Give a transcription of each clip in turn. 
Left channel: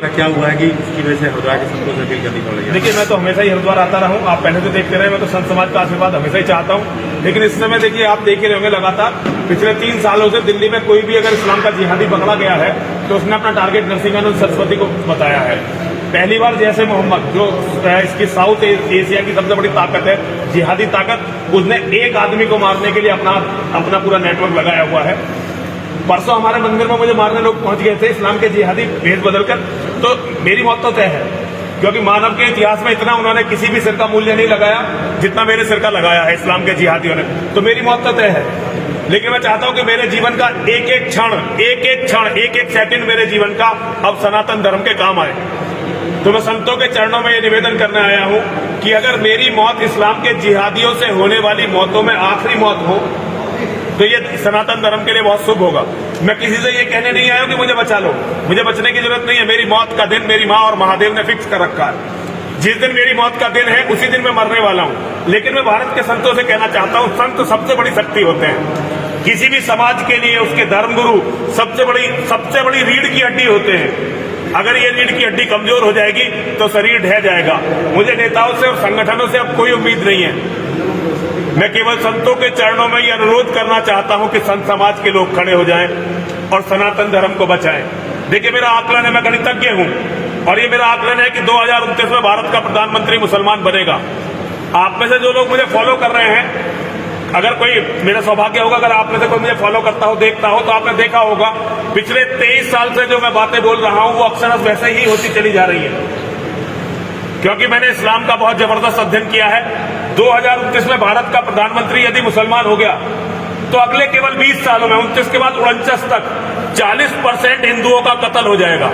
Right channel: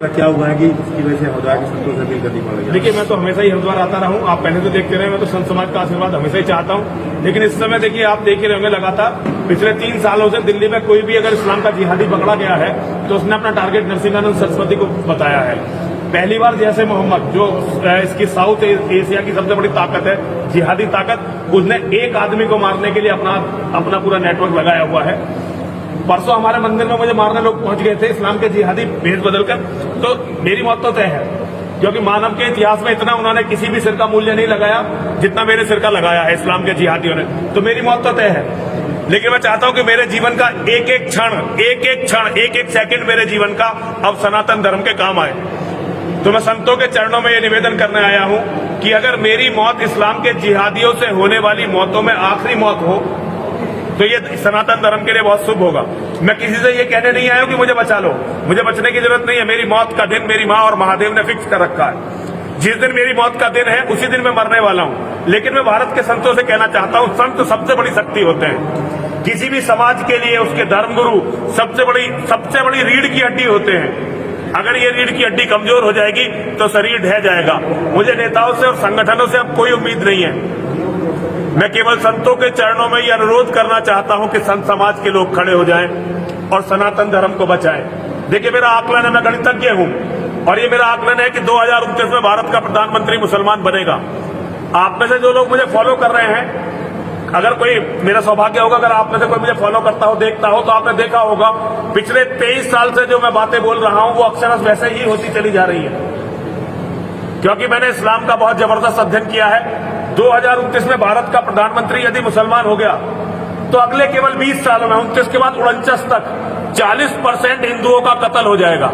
क्या हुआ है कि इसकी वजह से हरिद्वार के संतों से अपील करनी पड़ रही है? देखिए, मैं तो हमेशा ही हरिद्वार आता रहा हूँ। आप पहले से देखते रहे, मैं तो संत समाज का आशीर्वाद हमेशा ही चाहता हूँ। लेकिन इस समय देखिए, आप देख रहे होंगे लगातार पिछले 3 सालों से दिल्ली में कोई भी अगर इस्लाम का जिहादी पकड़ा गया है तो उसने अपना टारगेट नरसिंहानंद सरस्वती को बताया है। पहली बार जैसे मोहम्मद, जो इसकी साउथ एशिया की सबसे बड़ी ताकत है, जिहादी ताकत, उसने एक आदमी को मारने के लिए अपना पूरा नेटवर्क लगाया हुआ है। परसों हमारे मंदिर में मुझे मारने लोग पहुंच गए थे इस्लाम के जिहादी भेष बदलकर, तो मेरी मौत तो तय है, क्योंकि मानव के इतिहास में इतना उन्होंने किसी भी सिर का मूल्य नहीं लगाया जितना मेरे सिर का लगाया है इस्लाम के जिहादियों ने। तो मेरी मौत तो तय है, लेकिन मैं चाहता हूं कि मेरे जीवन का एक एक क्षण, एक एक सेकंड मेरे जीवन का अब सनातन धर्म के काम आए। तो मैं संतों के चरणों में ये निवेदन करने आया हूं कि अगर मेरी मौत इस्लाम के जिहादियों से होने वाली मौतों में आखिरी मौत हो तो ये सनातन धर्म के लिए बहुत शुभ होगा। मैं किसी से ये कहने नहीं आया हूं कि मुझे बचा लो, मुझे बचने की जरूरत नहीं है। मेरी मौत का दिन मेरी मां और महादेव ने फिक्स कर रखा है। जिस दिन मेरी मौत का दिन है उसी दिन मैं मरने वाला हूं। लेकिन मैं भारत के संतों से कहना चाहता हूं, संत सबसे बड़ी शक्ति होते हैं। किसी भी समाज के लिए उसके धर्मगुरु सबसे बड़ी रीढ़ की हड्डी होते हैं। अगर ये रीढ़ की हड्डी कमजोर हो जाएगी तो शरीर ढह जाएगा। मुझे नेताओं से और संगठनों से अब कोई उम्मीद नहीं है। मैं केवल संतों के चरणों में यह अनुरोध करना चाहता हूं कि संत समाज के लोग खड़े हो जाएं और सनातन धर्म को बचाएं। देखिए, मेरा आकलन है, मैं गणितज्ञ हूं, और ये मेरा आकलन है कि 2029 में भारत का प्रधानमंत्री मुसलमान बनेगा। आप में से जो लोग मुझे फॉलो कर रहे हैं, अगर कोई, मेरा सौभाग्य होगा अगर आप में से कोई मुझे फॉलो करता हो, देखता हो, तो आपने देखा होगा पिछले 23 साल से जो मैं बातें बोल रहा हूं वो अक्सर वैसे ही होती चली जा रही है, क्योंकि मैंने इस्लाम का बहुत जबरदस्त अध्ययन किया है। 2029 में भारत का प्रधानमंत्री यदि मुसलमान हो गया तो अगले केवल 20 सालों में, 29 के बाद 49 तक 40% हिंदुओं का कत्ल हो जाएगा।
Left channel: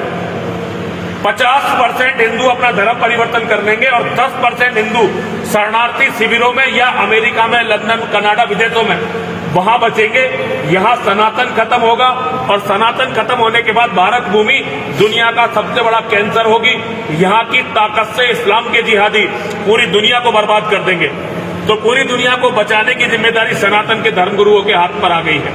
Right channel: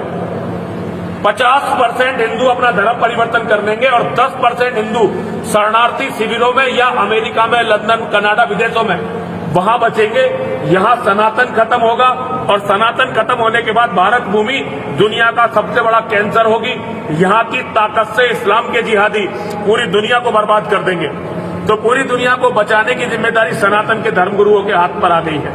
50% हिंदू अपना धर्म परिवर्तन कर लेंगे और 10% हिंदू शरणार्थी शिविरों में या अमेरिका में, लंदन, कनाडा, विदेशों में वहां बचेंगे। यहां सनातन खत्म होगा, और सनातन खत्म होने के बाद भारत भूमि दुनिया का सबसे बड़ा कैंसर होगी। यहां की ताकत से इस्लाम के जिहादी पूरी दुनिया को बर्बाद कर देंगे। तो पूरी दुनिया को बचाने की जिम्मेदारी सनातन के धर्मगुरुओं के हाथ पर आ गई है।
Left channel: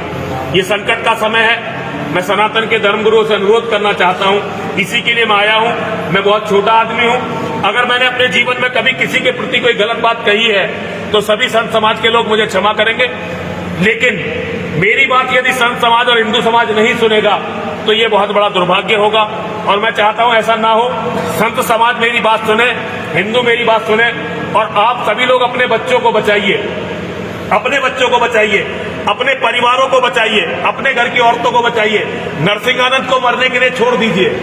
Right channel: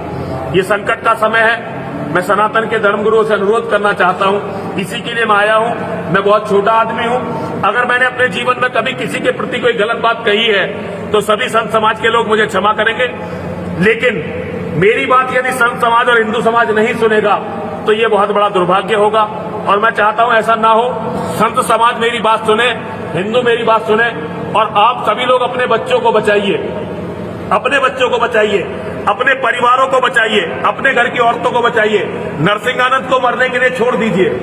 ये संकट का समय है। मैं सनातन के धर्मगुरुओं से अनुरोध करना चाहता हूं, इसी के लिए मैं आया हूं। मैं बहुत छोटा आदमी हूं। अगर मैंने अपने जीवन में कभी किसी के प्रति कोई गलत बात कही है तो सभी संत समाज के लोग मुझे क्षमा करेंगे। लेकिन मेरी बात यदि संत समाज और हिंदू समाज नहीं सुनेगा तो ये बहुत बड़ा दुर्भाग्य होगा, और मैं चाहता हूं ऐसा ना हो। संत समाज मेरी बात सुने, हिंदू मेरी बात सुने, और आप सभी लोग अपने बच्चों को बचाइए, अपने बच्चों को बचाइए, अपने परिवारों को बचाइए, अपने घर की औरतों को बचाइए। नरसिंहानंद को मरने के लिए छोड़ दीजिए।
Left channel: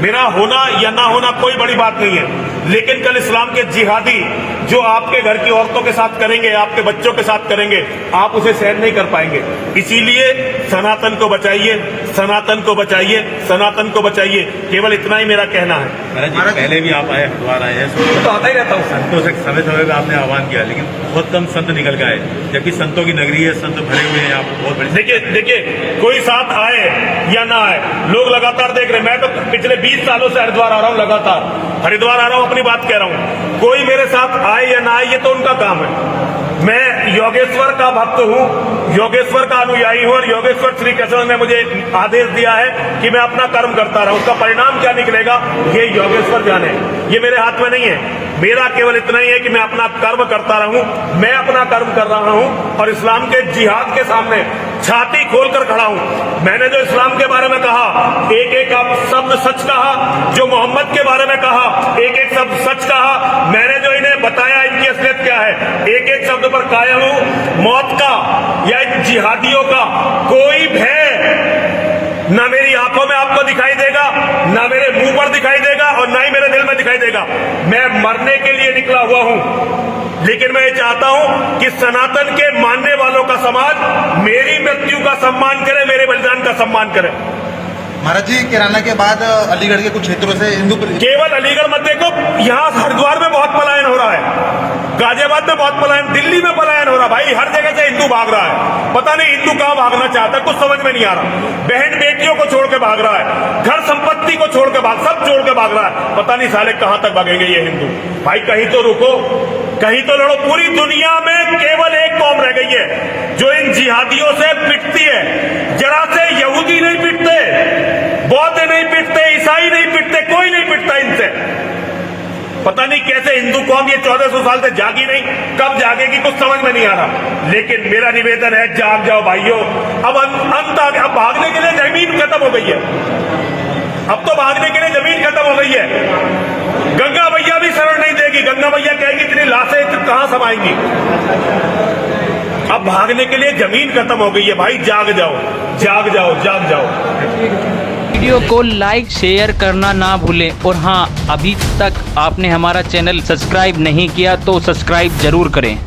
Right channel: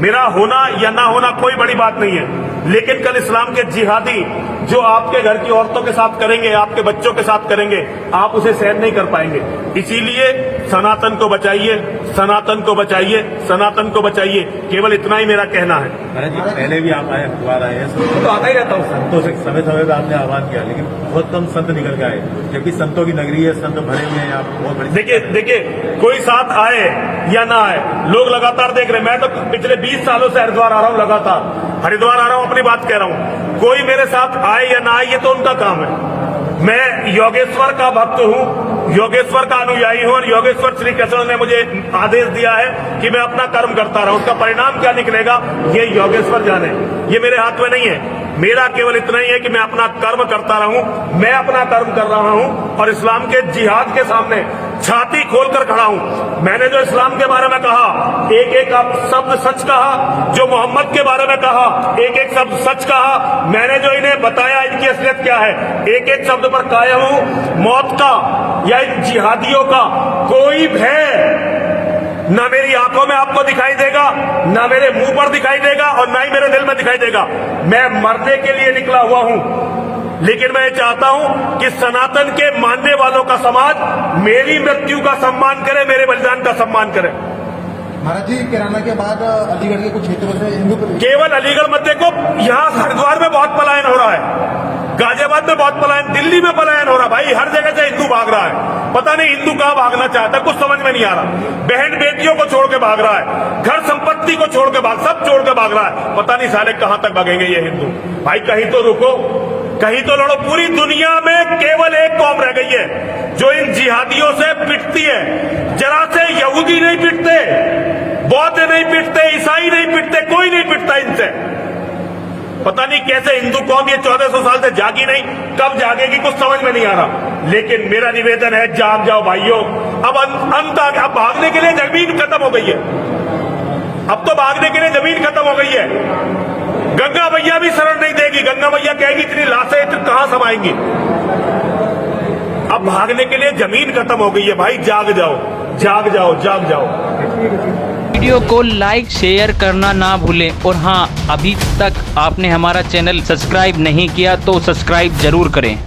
मेरा होना या ना होना कोई बड़ी बात नहीं है, लेकिन कल इस्लाम के जिहादी जो आपके घर की औरतों के साथ करेंगे, आपके बच्चों के साथ करेंगे, आप उसे सहन नहीं कर पाएंगे। इसीलिए सनातन को बचाइए, सनातन को बचाइए, सनातन को बचाइए। केवल इतना ही मेरा कहना है। पहले भी आप आए, हरिद्वार आए हैं, तो आता ही रहता हूँ। संतों से समय समय पर आपने आह्वान किया, लेकिन बहुत कम संत निकल गए, जबकि संतों की नगरी है, संत भरे हुए हैं। आप बहुत बड़ी देखिए, कोई साथ आए या ना आए, लोग लगातार देख रहे हैं। मैं तो पिछले 20 सालों से हरिद्वार आ रहा हूं, लगातार हरिद्वार आ रहा हूं, अपनी बात कह रहा हूं। कोई मेरे साथ आए या ना आए, ये तो उनका काम है। मैं योगेश्वर का भक्त हूं, योगेश्वर का अनुयायी हूं, और योगेश्वर श्री कृष्ण ने मुझे आदेश दिया है कि मैं अपना कर्म करता रहूं। उसका परिणाम क्या निकलेगा ये योगेश्वर जाने, ये मेरे हाथ में नहीं है। मेरा केवल इतना ही है कि मैं अपना कर्म करता रहूं। मैं अपना कर्म कर रहा हूं और इस्लाम के जिहाद के सामने छाती खोलकर खड़ा हूं। मैंने जो इस्लाम के बारे में कहा, एक एक शब्द सच कहा। जो मोहम्मद के बारे में कहा, एक एक शब्द सच कहा। मैंने जो इन्हें बताया इनकी असलियत क्या है, एक एक शब्द पर कायम हूं। मौत का या इन जिहादियों का कोई भय ना मेरी आंखों में आपको दिखाई देगा, ना मेरे मुंह पर दिखाई देगा, और ना ही मेरे दिल में दिखाई देगा। मैं मरने के लिए निकला हुआ हूं, लेकिन मैं ये चाहता हूं कि सनातन के मानने वालों का समाज मेरी मृत्यु का सम्मान करे, मेरे बलिदान का सम्मान करे। महाराज जी, किराना के बाद अलीगढ़ के कुछ क्षेत्रों से हिंदू, केवल अलीगढ़ मत देखो, यहाँ हरिद्वार में बहुत पलायन हो रहा है, गाजियाबाद में बहुत पलायन, दिल्ली में पलायन हो रहा है। भाई, हर जगह से हिंदू भाग रहा है। पता नहीं हिंदू कहां भागना चाहता है, कुछ समझ में नहीं आ रहा। बहन बेटियों को छोड़ के भाग रहा है, घर संपत्ति को छोड़ के सब छोड़ के भाग रहा है। पता नहीं साले कहां तक भागेंगे ये हिंदू। भाई, कहीं तो रुको, कहीं तो लड़ो। पूरी दुनिया में केवल एक कौम रह गई है जो इन जिहादियों से पिटती है। जरा से यहूदी नहीं पिटते, बौद्ध नहीं पिटते, ईसाई नहीं पिटते, कोई नहीं पिटता इनसे। पता नहीं कैसे हिंदू कौम ये 1400 साल से जागी नहीं, कब जागेगी कुछ समझ में नहीं आ रहा। लेकिन मेरा निवेदन है, जाग जाओ भाइयों। अब अंत आ गया। अब भागने के लिए जमीन खत्म हो गई है। अब तो भागने के लिए जमीन खत्म हो गई है। गंगा मैया भी शरण नहीं देगी। गंगा मैया कहेगी इतनी लाशें तो कहां समाएंगी। अब भागने के लिए जमीन खत्म हो गई है। भाई जाग जाओ, जाग जाओ, जाग जाओ। वीडियो को लाइक शेयर करना ना भूलें और हाँ, अभी तक आपने हमारा चैनल सब्सक्राइब नहीं किया तो सब्सक्राइब जरूर करें।